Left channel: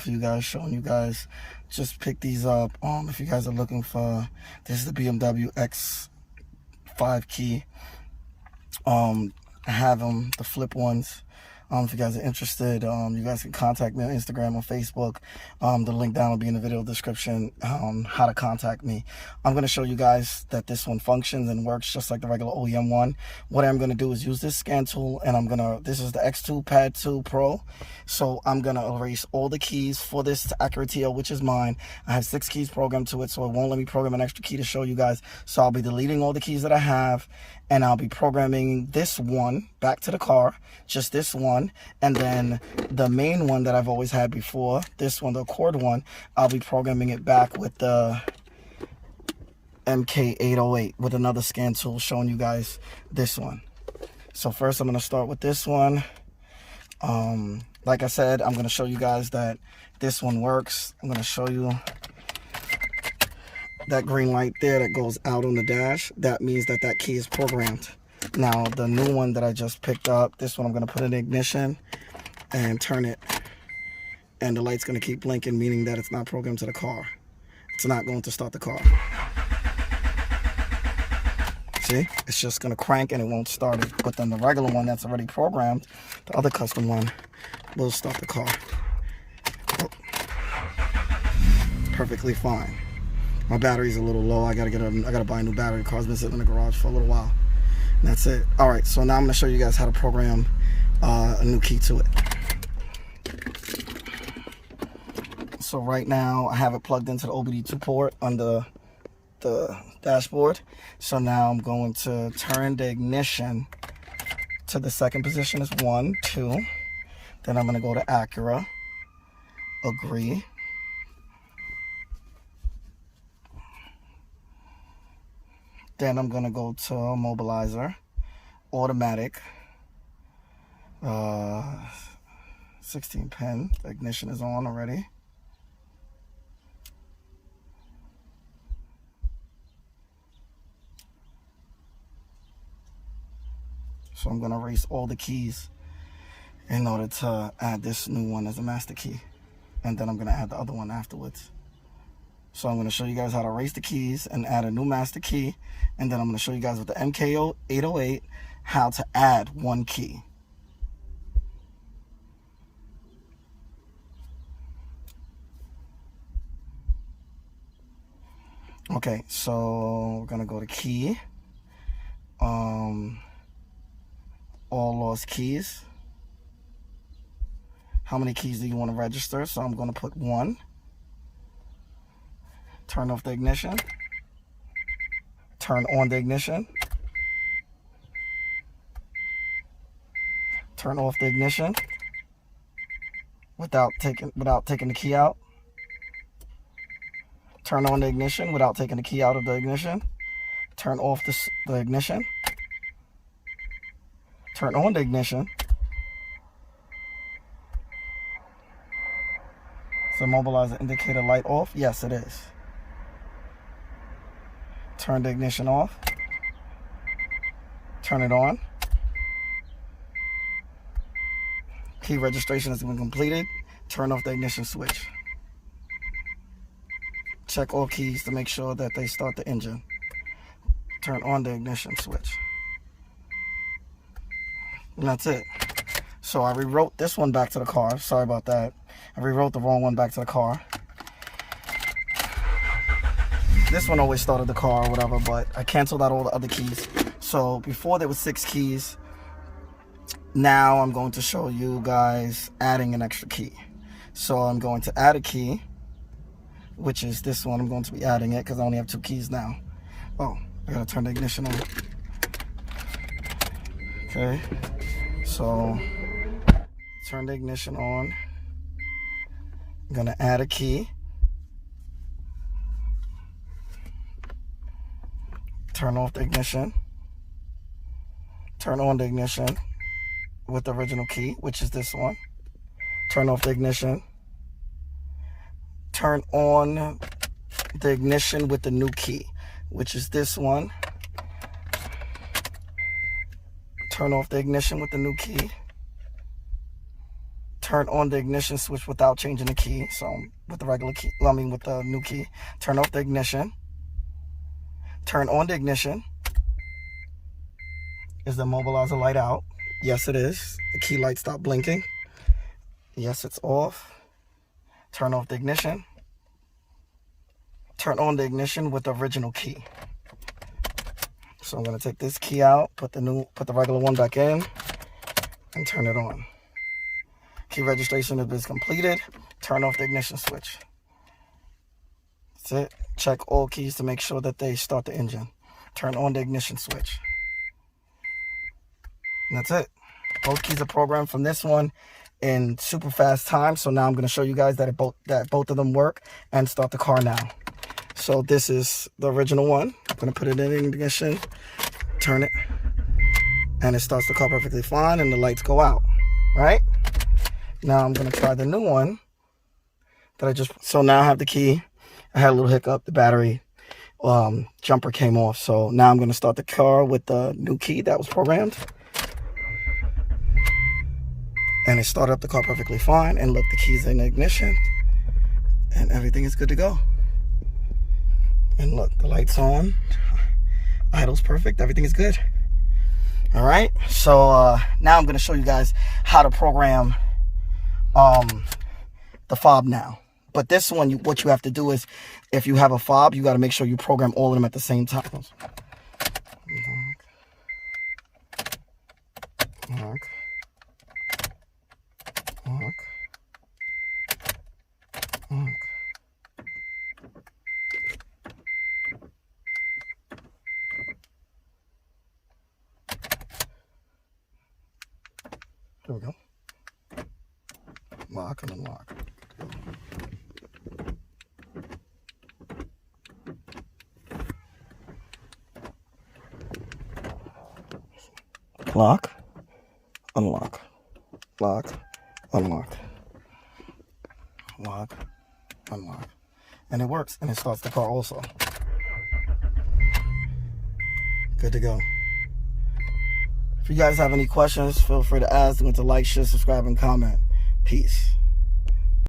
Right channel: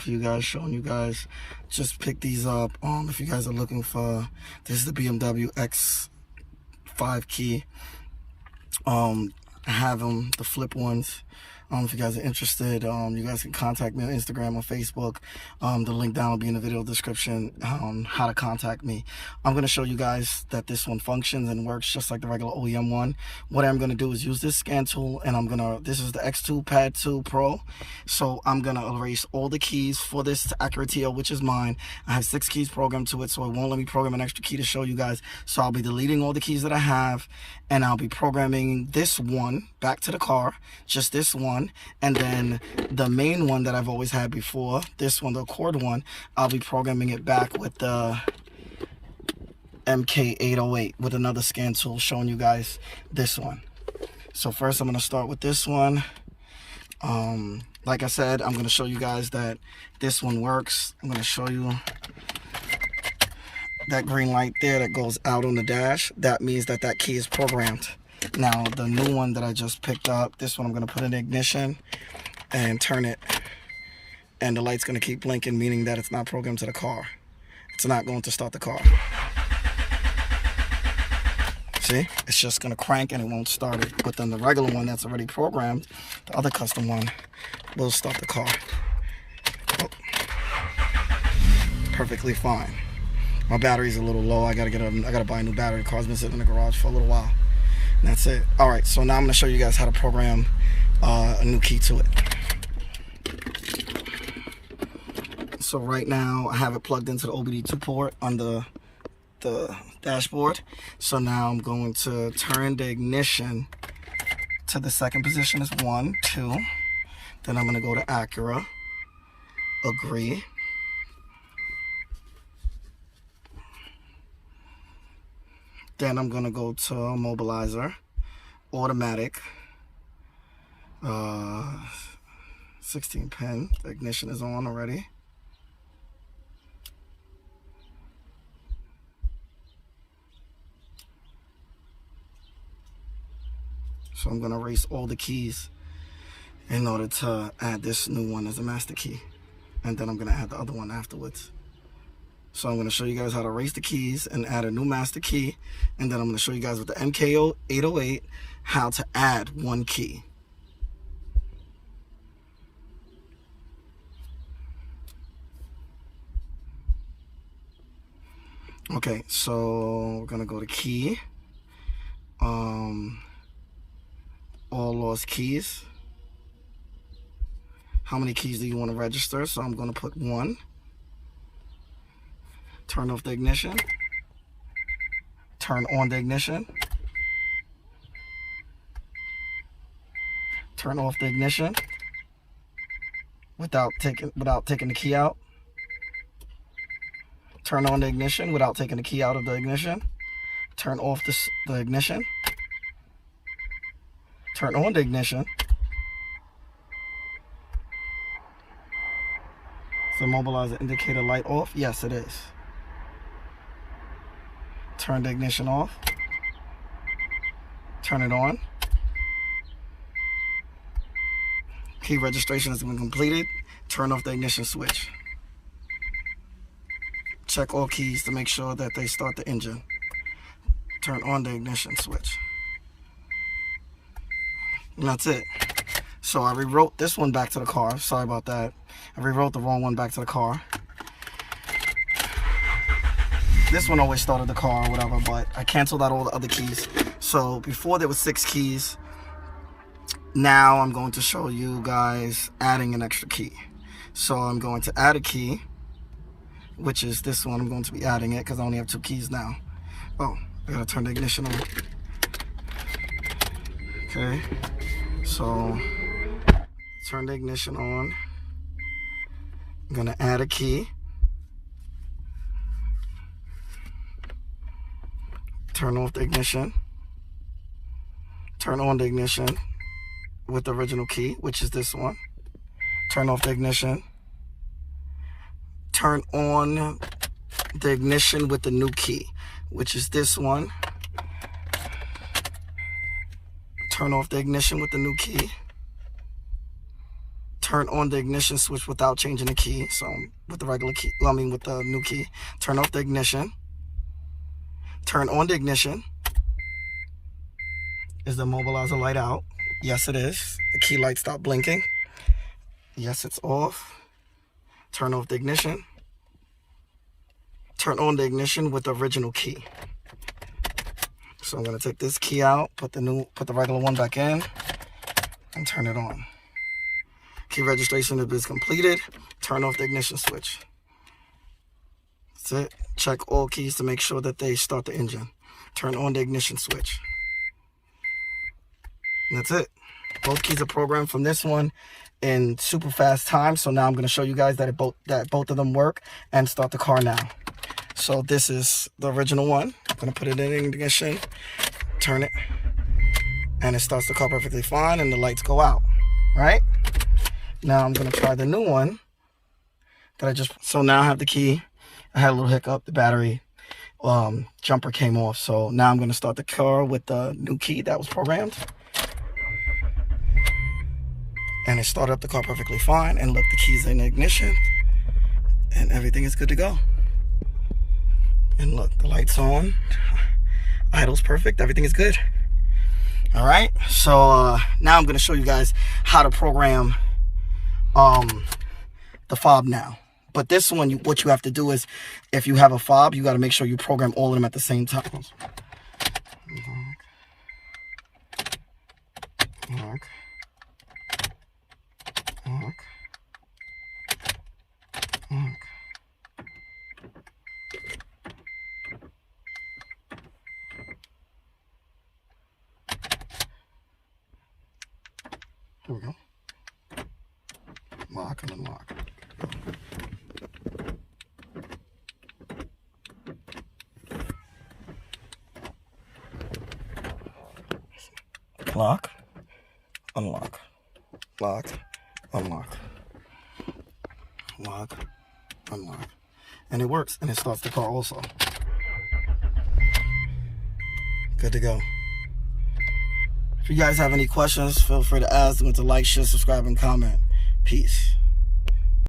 for you guys, showing you guys. Just pick these up. If you guys are looking for, this is the BMW X5 key. I have them, the flip ones. If you guys are interested, you guys can contact me on Instagram or Facebook. The link down will be in the video description on how to contact me. I'm going to show you guys that this one functions and works just like the regular OEM one. What I'm going to do is use this scan tool, and this is the X2 Pad 2 Pro. So I'm going to erase all the keys for this Acura TL, which is mine. I have 6 keys programmed to it, so it won't let me program an extra key to show you guys. So I'll be deleting all the keys that I have, and I'll be programming this one back to the car, just this one. And then the main one that I've always had before, this one, the Accord one, I'll be programming it back with the MK808 with another scan tool, showing you guys this one. So first I'm going to start with this one. Like I said, I'm going to show you guys that this one works. I'm going to show you that green light there that goes out on the dash. That means that that key is programmed. Now, the new one that I just picked up, this one I'm going to put in the ignition and turn it, and the light's going to keep blinking, meaning that it's not programmed to the car. It's not going to start the car. See? It's just going to crank and it won't start it. But then the regular one that's already programmed, the other custom one, will start the car. Oh. Perfectly fine. My battery's a little low. I gotta buy a new battery. The car's been sitting in the garage for a little while. That's it. All right, so now I'm going to show you guys how to program a new key to it. So right now I have it plugged into the OBD2 port on the dashboard. So now I'm going to turn the ignition to the second position as 1, 2. Then I'm going to go to Acura, agree. Then I'm going to go to mobilizer, automatic, 16 pin. The ignition is on already. So I'm going to erase all the keys in order to add this new one as a master key. And then I'm going to add the other one afterwards. So I'm going to show you guys how to erase the keys and add a new master key. And then I'm going to show you guys with the MK808 how to add one key. Okay, so we're going to go to key. All lost keys. How many keys do you want to register? So I'm going to put 1. Turn off the ignition. Turn on the ignition. Turn off the ignition without taking the key out. Turn on the ignition without taking the key out of the ignition. Turn off the ignition. Turn on the ignition. Is the mobilizer indicator light off? Yes, it is. Turn the ignition off. Turn it on. Key registration has been completed. Turn off the ignition switch. Check all keys to make sure that they start the engine. Turn on the ignition switch. And that's it. So I rewrote this one back to the car. Sorry about that. I rewrote the wrong one back to the car. This one always started the car or whatever, but I canceled out all the other keys. So before there was 6 keys. Now I'm going to show you guys adding an extra key. So I'm going to add a key, which is this one. I'm going to be adding it because I only have 2 keys now. Oh, I gotta turn the ignition on. Okay, so turn the ignition on. I'm gonna add a key. Turn off the ignition. Turn on the ignition with the original key, which is this one. Turn off the ignition. Turn on the ignition with the new key, which is this one. Turn off the ignition with the new key. turn on the ignition switch without changing the key. So with the regular key, with the new key, turn off the ignition. Turn on the ignition. Is the immobilizer light out? Yes, it is. The key light stopped blinking. Yes, it's off. Turn off the ignition. Turn on the ignition with the original key. So I'm going to take this key out, put the regular one back in, and turn it on. Key registration has been completed. Turn off the ignition switch. That's it. Check all keys to make sure that they start the engine. Turn on the ignition switch. And that's it. Both keys are programmed from this one in super fast time. So now I'm going to show you guys that both of them work and start the car now. So this is the original one. I'm going to put it in ignition, turn it, and it starts the car perfectly fine and the lights go out. Right? Now I'm going to try the new one that so now I have the key. I had a little hiccup. The battery jumper came off. So now I'm going to start the car with the new key that was programmed. And it started up the car perfectly fine. And look, the key's in the ignition. And everything is good to go. And look, the light's on. Idle's perfect. Everything is good. All right. So now I'm going to show you guys how to program the fob now. But this one, what you have to do is, if you have a fob, you got to make sure you program all of them at the same time. Lock. There we go. Lock and unlock. Lock, unlock, lock, unlock, lock, unlock. And it works, and it starts the car also. Good to go. If you guys have any questions, feel free to ask them, to like, share, subscribe, and comment. Peace.